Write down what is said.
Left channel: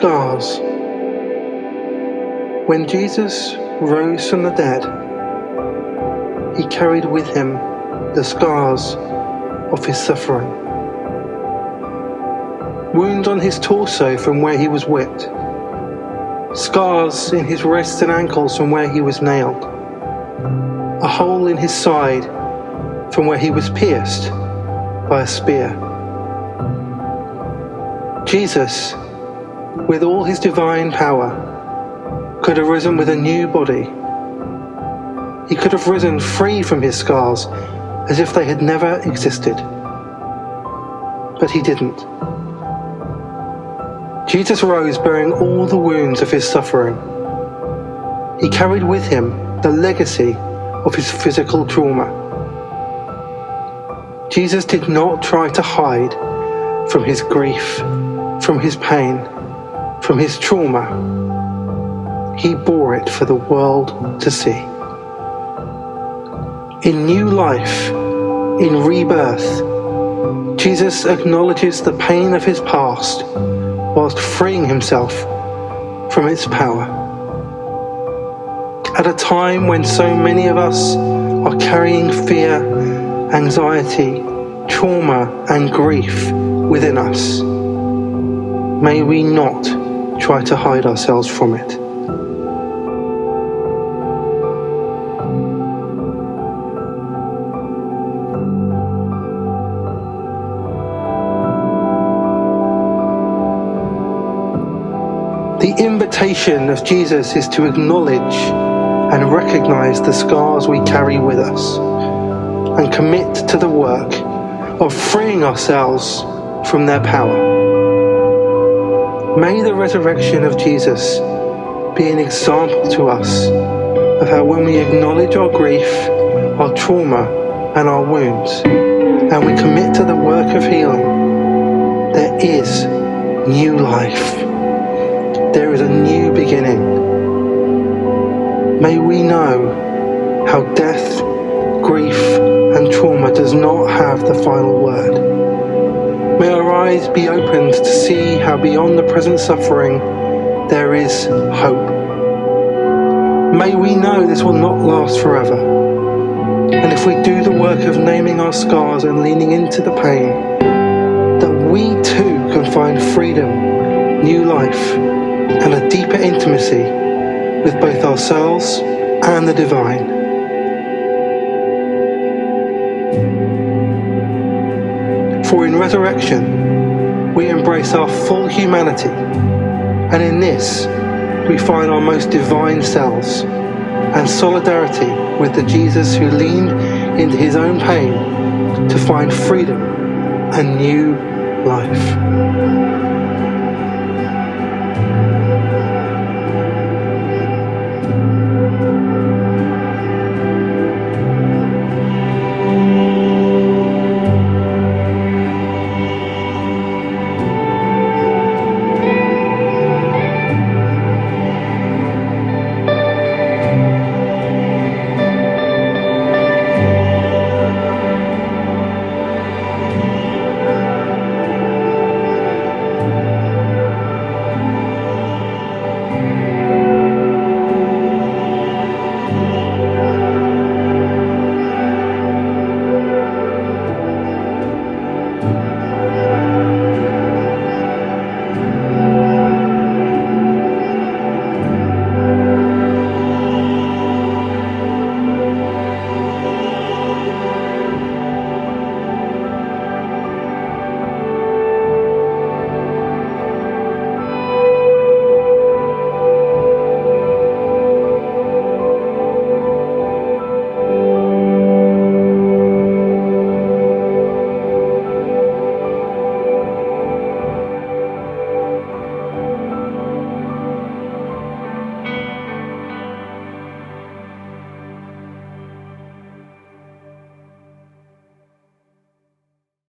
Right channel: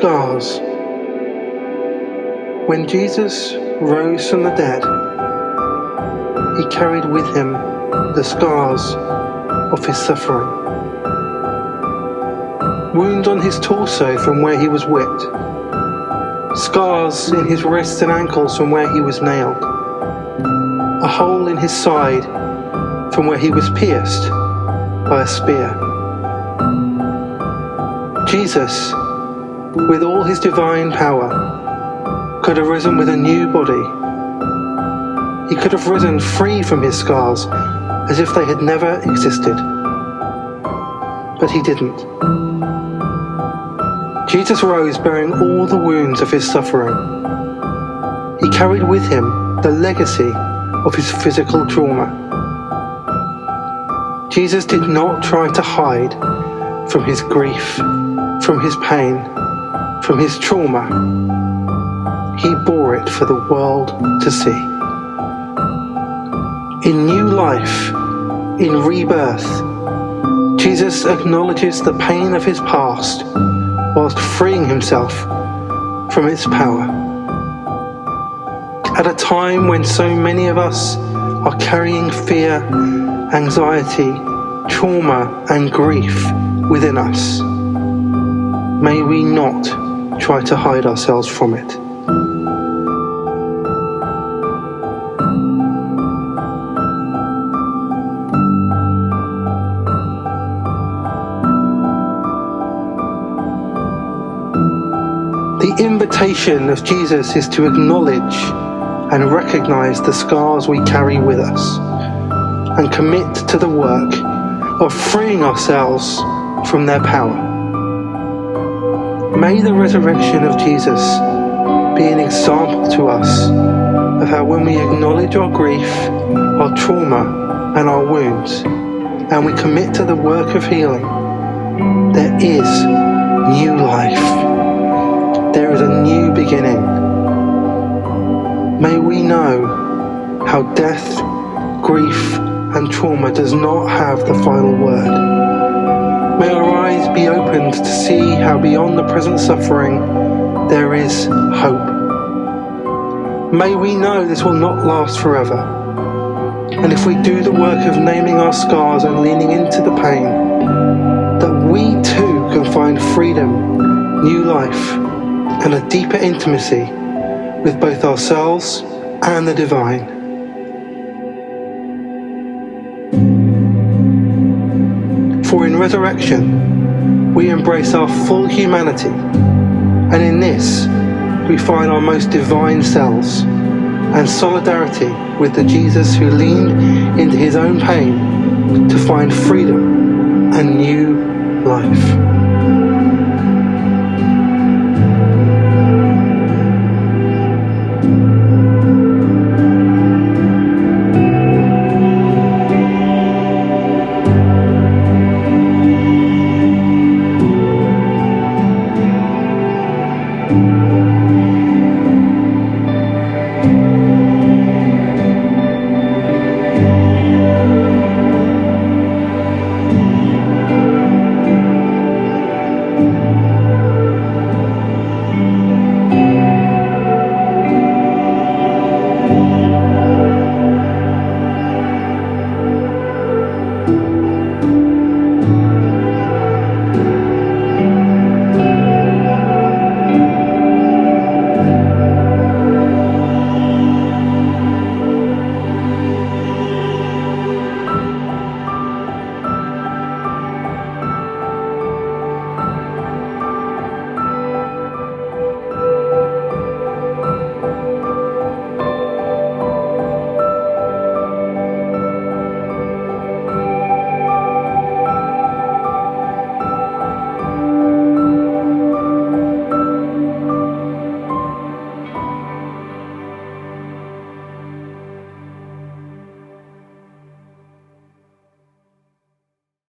scars. When Jesus rose from the dead, he carried with him the scars of his suffering. Wounds on his torso from where he was whipped, scars in his wrists and ankles from where he was nailed, a hole in his side from where he was pierced by a spear. Jesus, with all his divine power, could have risen with a new body. He could have risen free from his scars as if they had never existed. But he didn't. Jesus rose bearing all the wounds of his suffering. He carried with him the legacy of his physical trauma. Jesus did not try to hide from his grief, from his pain, from his trauma. He bore it for the world to see. In new life, in rebirth, Jesus acknowledges the pain of his past whilst freeing himself from its power. At a time when so many of us are carrying fear, anxiety, trauma, and grief within us, may we not try to hide ourselves from it. The invitation of Jesus is to acknowledge and recognize the scars we carry with us and commit to the work of freeing ourselves from their power. May the resurrection of Jesus be an example to us of how when we acknowledge our grief, our trauma, and our wounds, and we commit to the work of healing, there is new life. There is a new beginning. May we know how death, grief, and trauma does not have the final word. May our eyes be opened to see how beyond the present suffering there is hope. May we know this will not last forever. And if we do the work of naming our scars and leaning into the pain, that we too can find freedom, new life, and a deeper intimacy with both ourselves and the divine. For in resurrection, we embrace our full humanity, and in this, we find our most divine selves and solidarity with the Jesus who leaned into his own pain to find freedom and new life.